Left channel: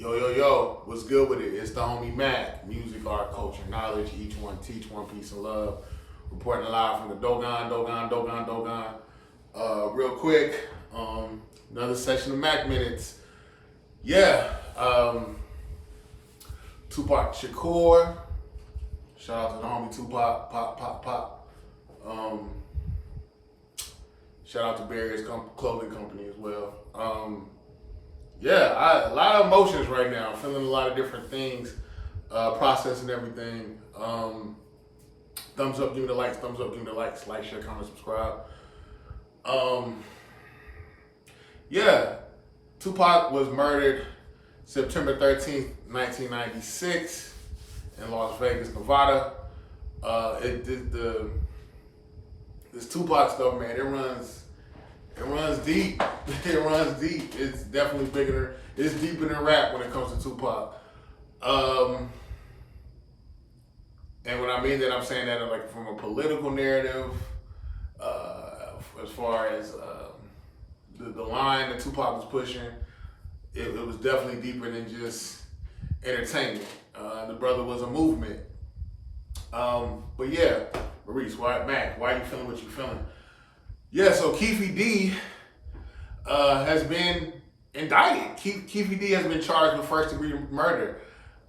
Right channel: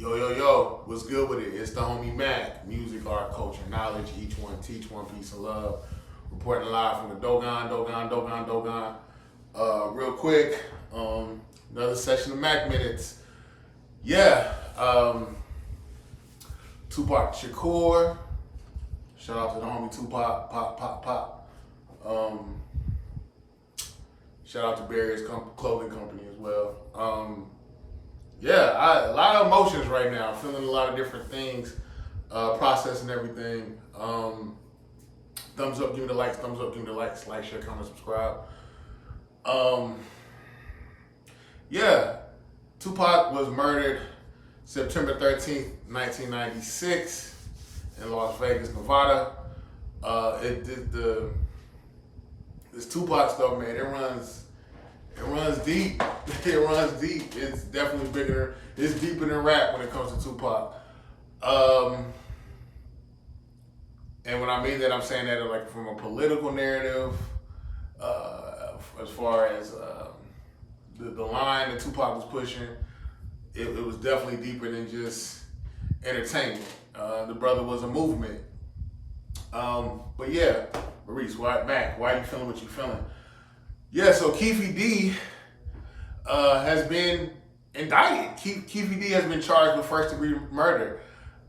Yo, yo, yo, what's good with it? It's the homie MACK. Music, art, culture, knowledge, each one teach, one piece of love. Reporting live from the Dogon. Real quick, another session of MACK Minutes. Yeah, Tupac Shakur. Shout out to the homie Tupac, pop. Shout out to Barriers Clothing Company as well. A lot of emotions right now. I'm feeling a lot of different things, processing everything. Thumbs up, give me the likes. Thumbs up, give me the likes. Like, share, comment, subscribe. Tupac was murdered September 13th, 1996 in Las Vegas, Nevada. This Tupac stuff, man, it runs deep. It runs deep. It's definitely bigger. It's deeper than rap when it comes to Tupac. And when I mean that, I'm saying that like from a political narrative, as far as the line that Tupac was pushing, it was definitely deeper than just entertainment. The brother was a movement. But yeah, Maurice, why are you feeling what you're feeling? Yeah, so Keefe D has been indicted. Keefe D has been charged with first degree murder.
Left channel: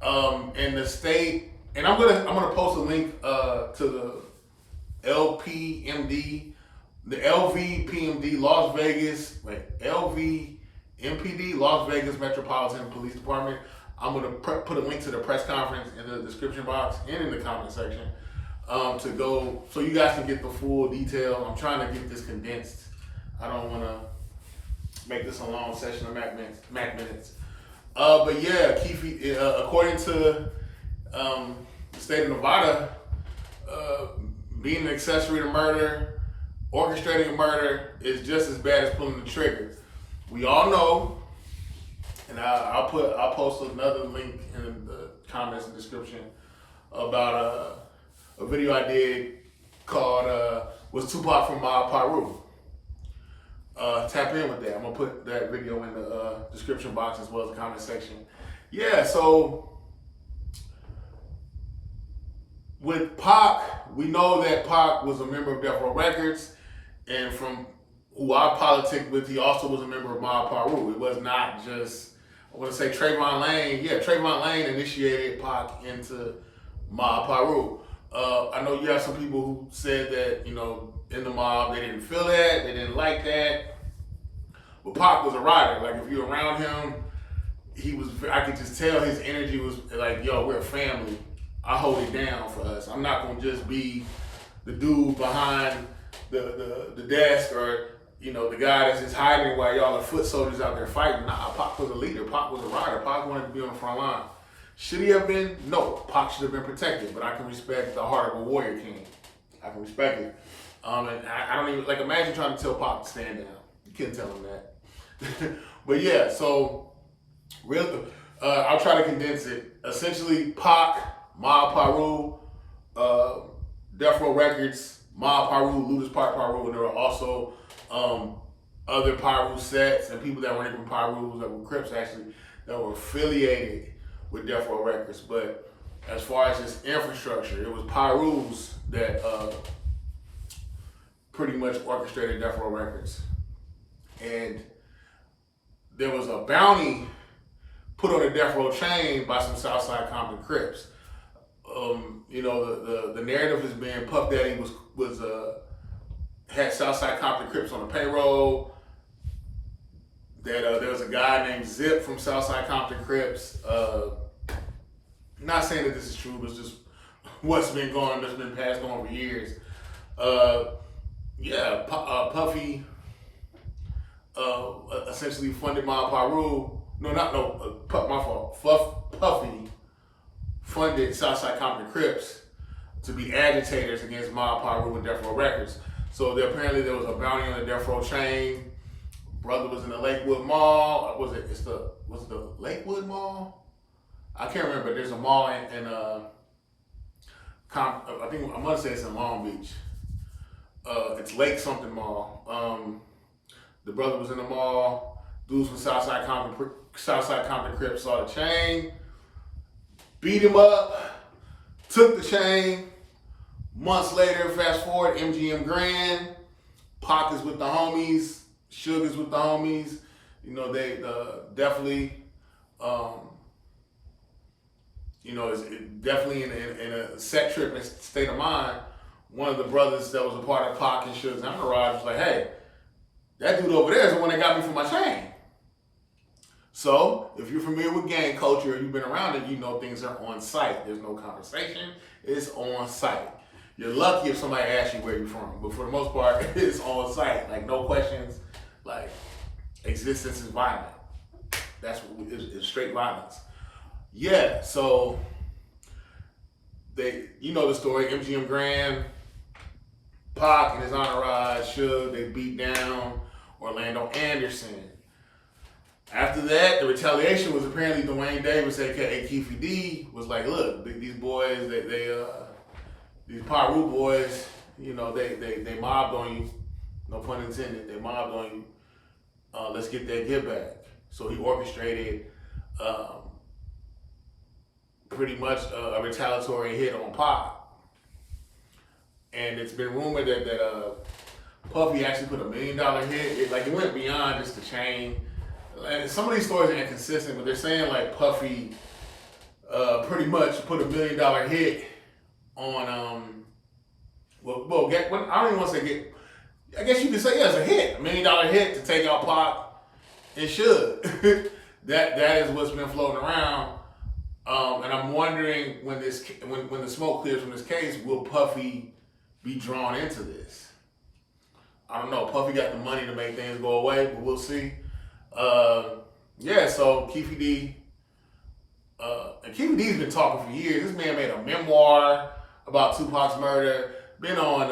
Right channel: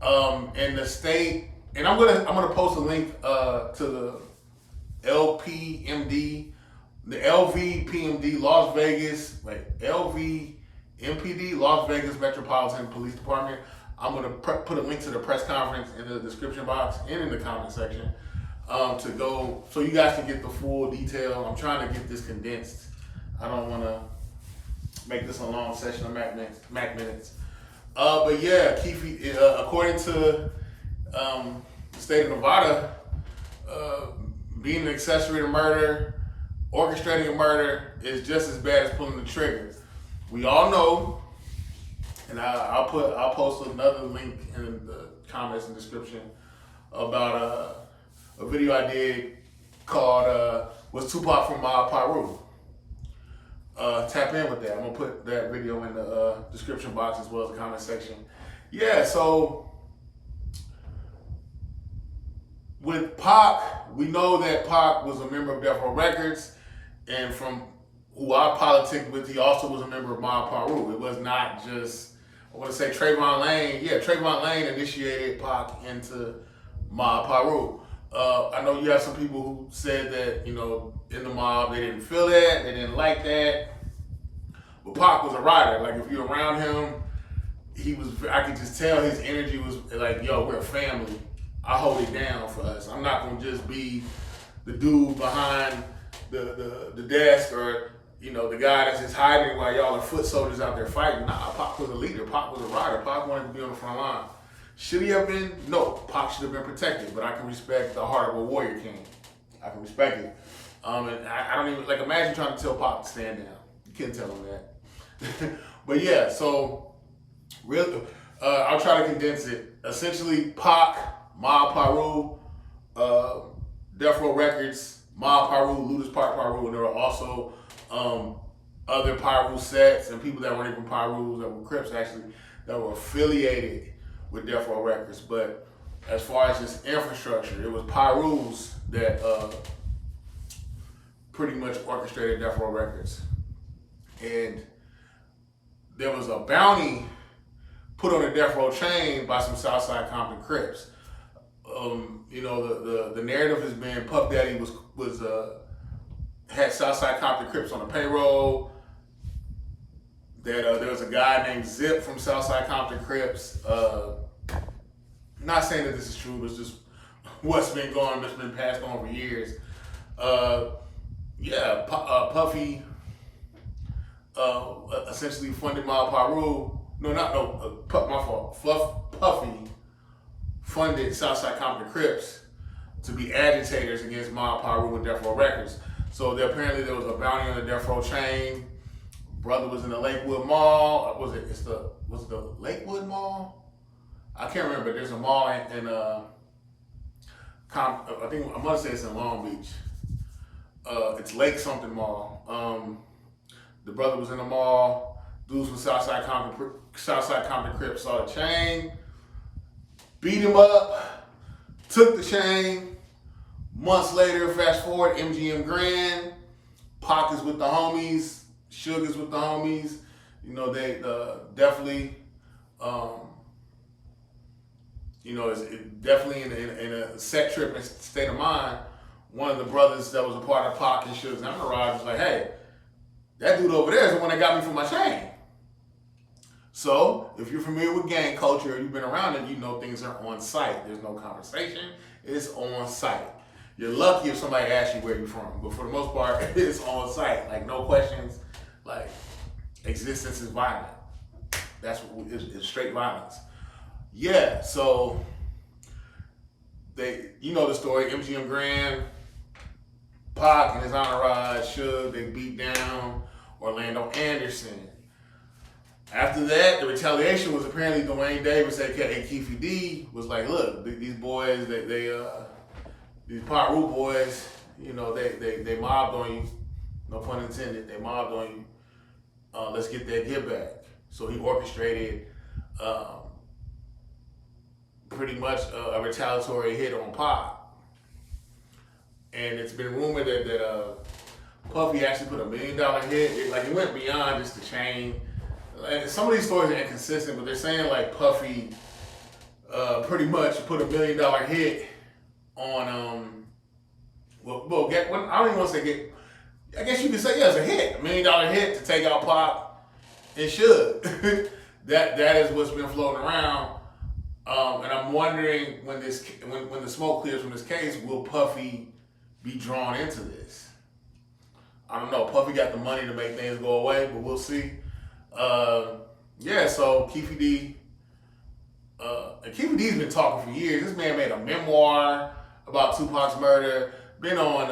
And the state, and I'm gonna post a link to the LVMPD Las Vegas Metropolitan Police Department. I'm gonna put a link to the press conference in the description box and in the comment section. To go, so you guys can get the full detail. I'm trying to get this condensed. I don't want to make this a long session of Mac Minutes. But yeah, Keefe, according to the state of Nevada, being an accessory to murder, orchestrating a murder is just as bad as pulling the trigger. We all know, and I'll post another link in the comments and description about a video I did called Was Tupac from Peru? Tap in with that. I'm gonna put that video in the description box as well as the comment section. Yeah, so with Pac, we know that Pac was a member of Death Row Records, and from who I politic with, he also was a member of Mob Peru. It was not just, I want to say Trayvon Lane. Yeah, Trayvon Lane initiated Pac into Mob Peru. I know you have some people who said that, in the mob, they didn't feel that, they didn't like that. But Pac was a rider. Like, if you're around him, I could just tell his energy was like, yo, we're a family. I hold it down for us. I'm not going to just be the dude behind the desk or, the guy that's just hiding while y'all are foot soldiers out there fighting. Nah, Pac was a leader. Pac was a rider. Pac wanted to be on the front line. Should he have been? No. Pac should have been protected, but I can respect the heart of a warrior king. I can respect it. And I don't even, imagine trying to tell Pac to stand down. You couldn't tell him that. But yeah, so, I'll try to condense it. Essentially, Pac, Mob Peru, Death Row Records, Mob Peru, Ludus Park Peru, and there were also other Peru sets and people that weren't even Perus, that were Crips actually, that were affiliated with Death Row Records. But as far as just infrastructure, it was Perus that pretty much orchestrated Death Row Records. And there was a bounty put on the Death Row chain by some Southside Compton Crips. The narrative has been Puff Daddy had Southside Compton Crips on the payroll. That there was a guy named Zip from Southside Compton Crips. Not saying that this is true, but it's just what's been passed on for years. Puffy essentially funded Mob Peru. My fault. Puffy funded Southside Compton Crips to be agitators against Mob Peru and Death Row Records. So apparently there was a bounty on the Death Row chain. Brother was in the Lakewood Mall. Was it the Lakewood Mall? I can't remember. There's a mall in I think I'm gonna say it's in Long Beach. It's Lake something Mall. The brother was in the mall. Dudes from Southside Compton Crip saw the chain, beat him up, took the chain. Months later, fast forward, MGM Grand, Pac is with the homies, Suge is with the homies. You know, they definitely, you know, it's definitely in a set trip and state of mind. One of the brothers that was a part of Pac and Suge's entourage was like, hey, that dude over there is the one that got me for my chain. So, if you're familiar with gang culture, you've been around it, you know things are on site. There's no conversation, it's on site. You're lucky if somebody asks you where you're from, but for the most part, it's on site. Like, no questions, like, existence is violent. That's what it's straight violence. Yeah, so, you know the story, MGM Grand, Pac and his entourage, Suge, they beat down Orlando Anderson. After that, the retaliation was apparently Dwayne Davis, aka Keefy D, was like, look, these boys, these Paru boys, you know, they mobbed on you, no pun intended, they mobbed on you. Let's get that get back. So he orchestrated pretty much a retaliatory hit on Pac. And it's been rumored that Puffy actually put $1 million hit. It went beyond just the chain. And some of these stories are inconsistent, but they're saying like Puffy pretty much put $1 million hit on I don't even want to say get. I guess you could say it's a hit, $1 million hit to take out Pac and Suge. that is what's been floating around, and I'm wondering when the smoke clears from this case, will Puffy be drawn into this? I don't know. Puffy got the money to make things go away, but we'll see. So Keefy D, and Keefy D's been talking for years. This man made a memoir about Tupac's murder. Been on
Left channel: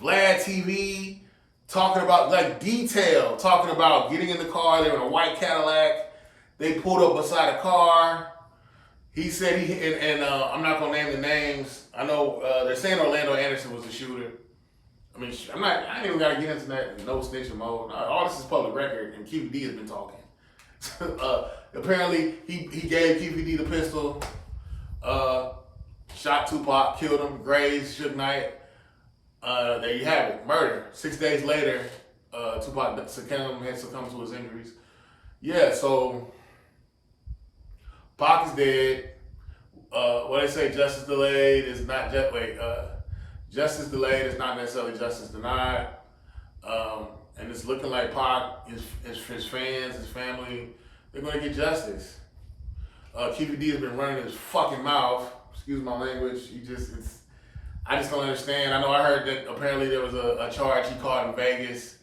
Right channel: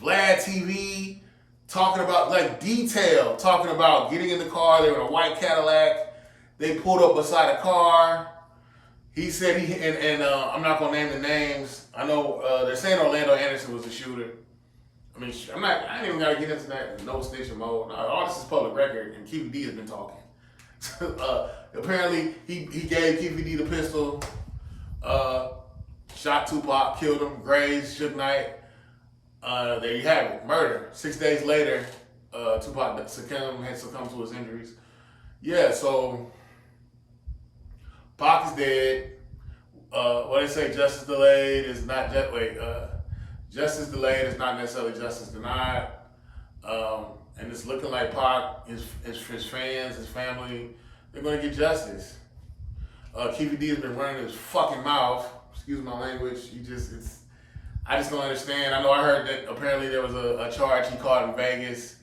Vlad TV, talking about talking about getting in the car. They were in a white Cadillac. They pulled up beside a car. He said I'm not gonna name the names. I know they're saying Orlando Anderson was the shooter. I mean, I ain't even gotta get into that no snitching mode. All this is public record, and Keefy D has been talking. Apparently, he gave Keefy D the pistol, shot Tupac, killed him, grazed Suge Knight. There you have it, murder. 6 days later, Tupac had succumbed to his injuries. Yeah, so Pac is dead. What they say, justice delayed is not justice delayed is not necessarily justice denied. And it's looking like Pac, his fans, his family, they're going to get justice. Keefy D has been running his fucking mouth. Excuse my language. I just don't understand. I know I heard that apparently there was a charge he caught in Vegas.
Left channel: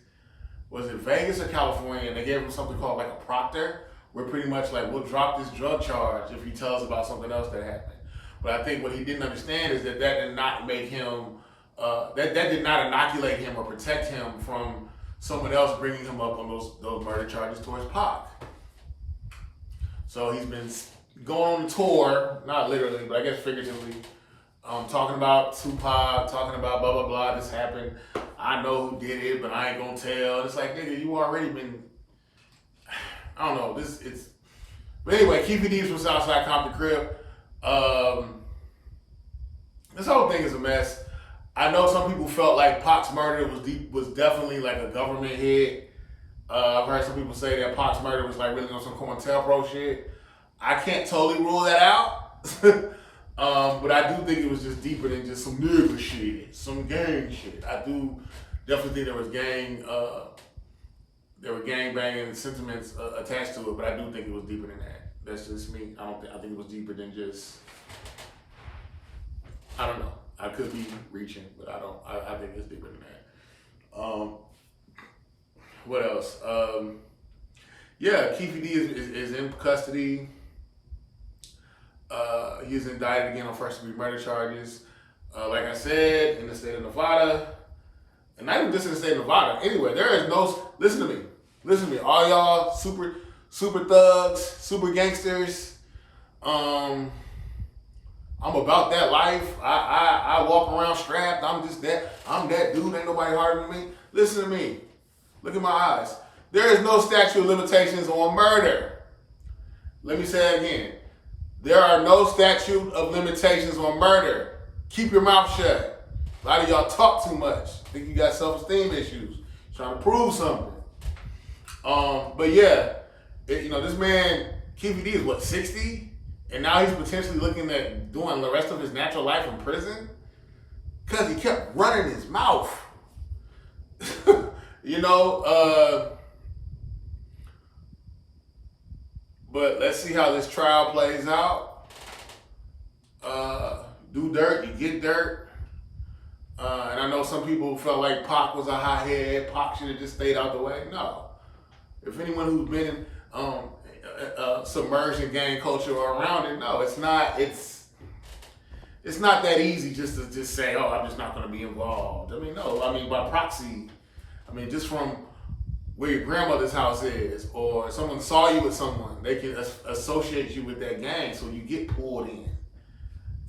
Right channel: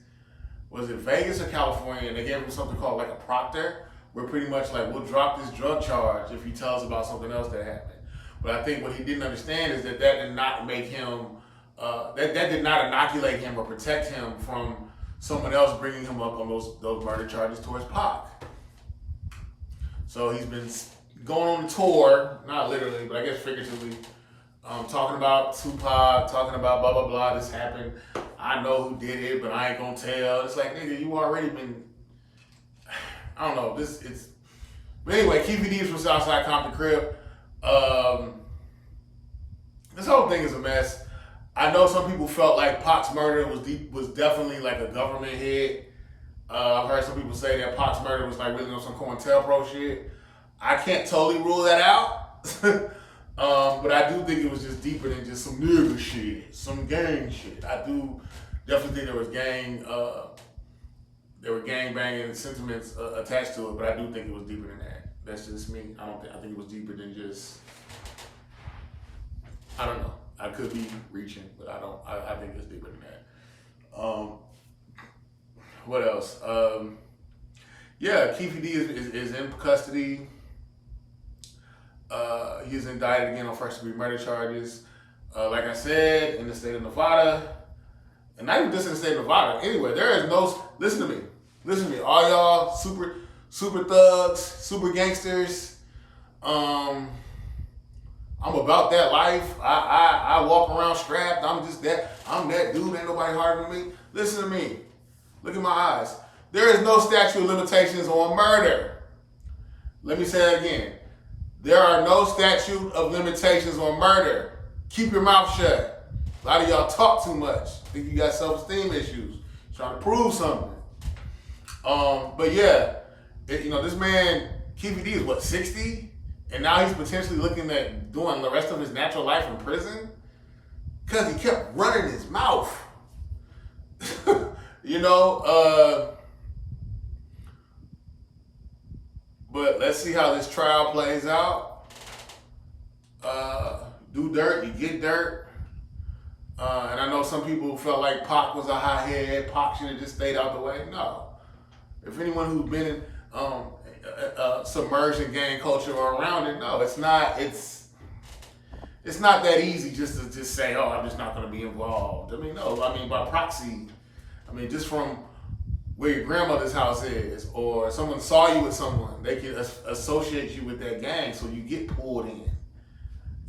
Was it Vegas or California? And they gave him something called like a proctor, where pretty much like, we'll drop this drug charge if you tell us about something else that happened. But I think what he didn't understand is that did not make him, that did not inoculate him or protect him from someone else bringing him up on those murder charges towards Pac. So he's been going on the tour, not literally, but I guess figuratively, talking about Tupac, talking about blah, blah, blah, this happened. I know who did it, but I ain't gonna tell. It's like, nigga, you already been, I don't know, but anyway, Keefy D's from Southside Compton Crip. This whole thing is a mess. I know some people felt like Pac's murder was definitely like a government hit. I've heard some people say that Pac's murder was like really on some COINTELPRO shit. I can't totally rule that out. But I do think it was just deeper than just some nigga shit, some gang shit. I do definitely think there were gang banging sentiments attached to it, but I do think it was deeper than that. That's just me. I think it was deeper than just, I don't know. I could be reaching, but I think it's deeper than that. What else? Keefy D is in custody. He's indicted again on first-degree murder charges. Like I said, in the state of Nevada, and not even just in the state of Nevada. Anyway, there is no. Listen to me, all y'all super thugs, super gangsters. I'm about that life. I walk around strapped. I'm that dude. Ain't nobody harder than me. Listen to me. Look at my eyes. There is no statute of limitations on murder. Let me say it again. There are no statute of limitations on murder. Keep your mouth shut. A lot of y'all talk too much. Think you got self-esteem issues. Trying to prove something. But yeah, this man, Keefe D is what, 60? And now he's potentially looking at doing the rest of his natural life in prison? Because he kept running his mouth. But let's see how this trial plays out. Do dirt, you get dirt. And I know some people felt like Pac was a hothead. Pac should have just stayed out the way. No. If anyone who's been submerged in gang culture or around it, no, it's not. It's not that easy just to just say, oh, I'm just not going to be involved. I mean, no. I mean, by proxy. I mean, just from where your grandmother's house is, or someone saw you with someone, they can associate you with that gang, so you get pulled in.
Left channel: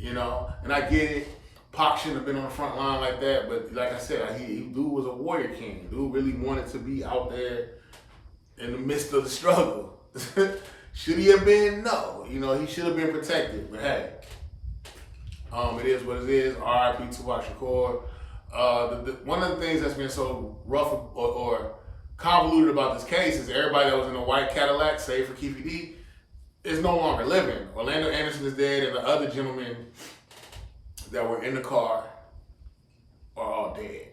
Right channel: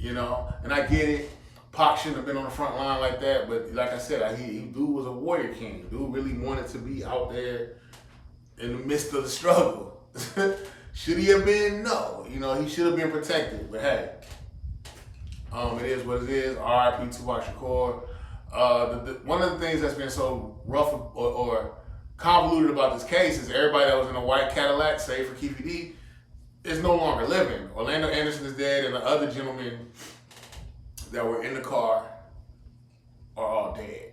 And I get it. Pac shouldn't have been on the front line like that, but like I said, dude was a warrior king. Dude really wanted to be out there in the midst of the struggle. Should he have been? No. He should have been protected. But hey, it is what it is. R.I.P. Tupac Shakur. One of the things that's been so rough or convoluted about this case is everybody that was in a white Cadillac, save for Keefe D, is no longer living. Orlando Anderson is dead, and the other gentlemen that were in the car are all dead.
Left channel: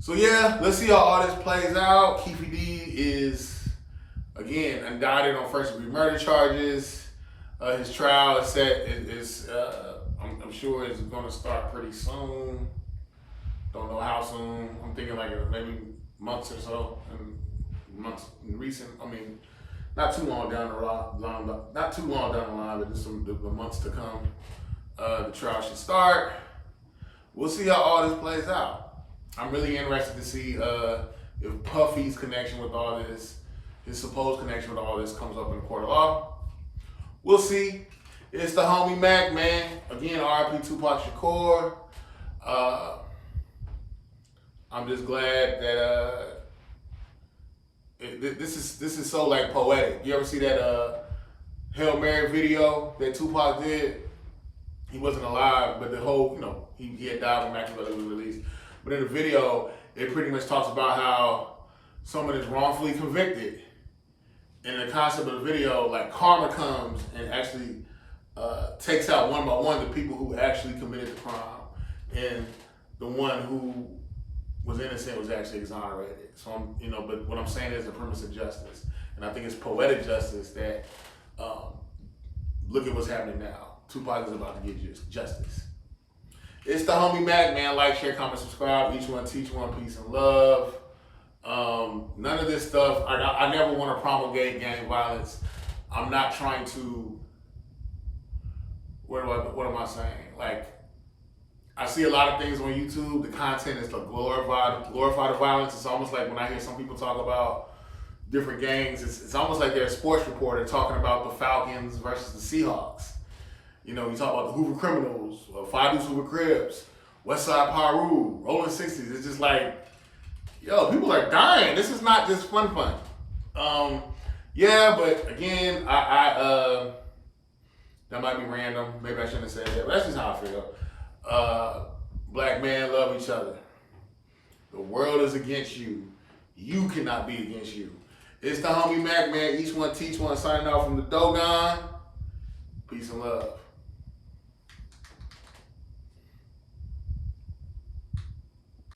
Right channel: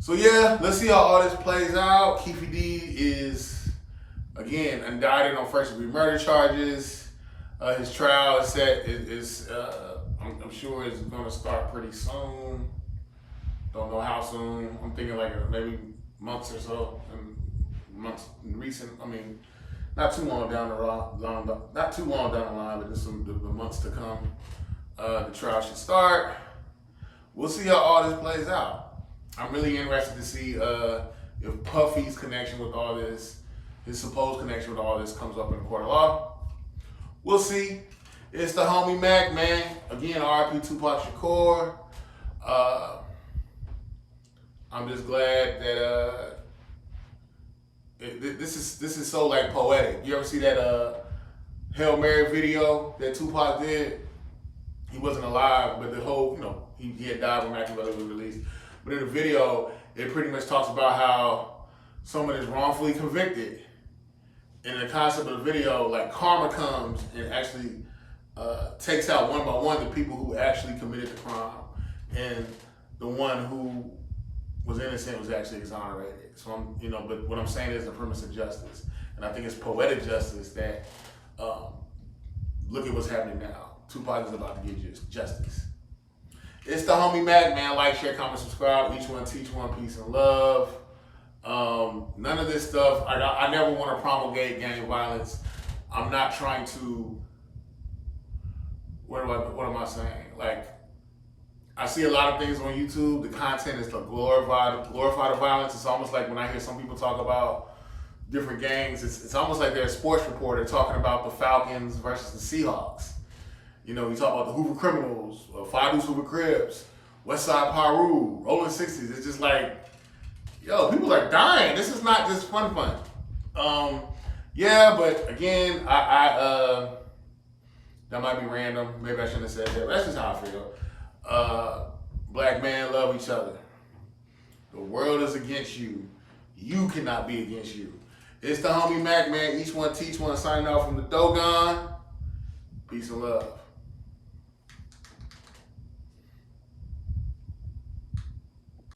So yeah, let's see how all this plays out. Keefe D is, again, indicted on first-degree murder charges. His trial is set. I'm sure it's going to start pretty soon. Don't know how soon. I'm thinking like maybe months or so. Not too long down the line, but just the months to come. The trial should start. We'll see how all this plays out. I'm really interested to see if Puffy's connection with all this, his supposed connection with all this, comes up in the court of law. We'll see. It's the homie Mac, man. Again, R.I.P. Tupac Shakur. I'm just glad that this is so like poetic. You ever see that Hail Mary video that Tupac did? He wasn't alive, but the whole, he had died when Mac was released. But in the video, it pretty much talks about how someone is wrongfully convicted. And the concept of the video, like karma comes and actually takes out one by one the people who actually committed the crime. And the one who was innocent was actually exonerated. So but what I'm saying is the premise of justice. And I think it's poetic justice that, look at what's happening now. Tupac is about to get justice. It's the homie Mac, man. Like, share, comment, subscribe. Each one, teach one. Peace and love. None of this stuff. I never want to promulgate gang violence. I'm not trying to. What am I saying? Like, I see a lot of things on YouTube. The content is to glorify the violence. It's almost like when I hear some people talk about different gangs, it's almost like they're a sports reporter talking about the Falcons versus the Seahawks. We talk about the Hoover Criminals, Five Deuce Hoover Crips, West Side Paru, Rolling 60s. It's just like, people are dying. This is not just fun. Yeah, but again, I that might be random. Maybe I shouldn't have said that. But that's just how I feel. Black men love each other. The world is against you. You cannot be against you. It's the homie Mac, man. Each one teach one. Signing off from the Dogon. Peace and love.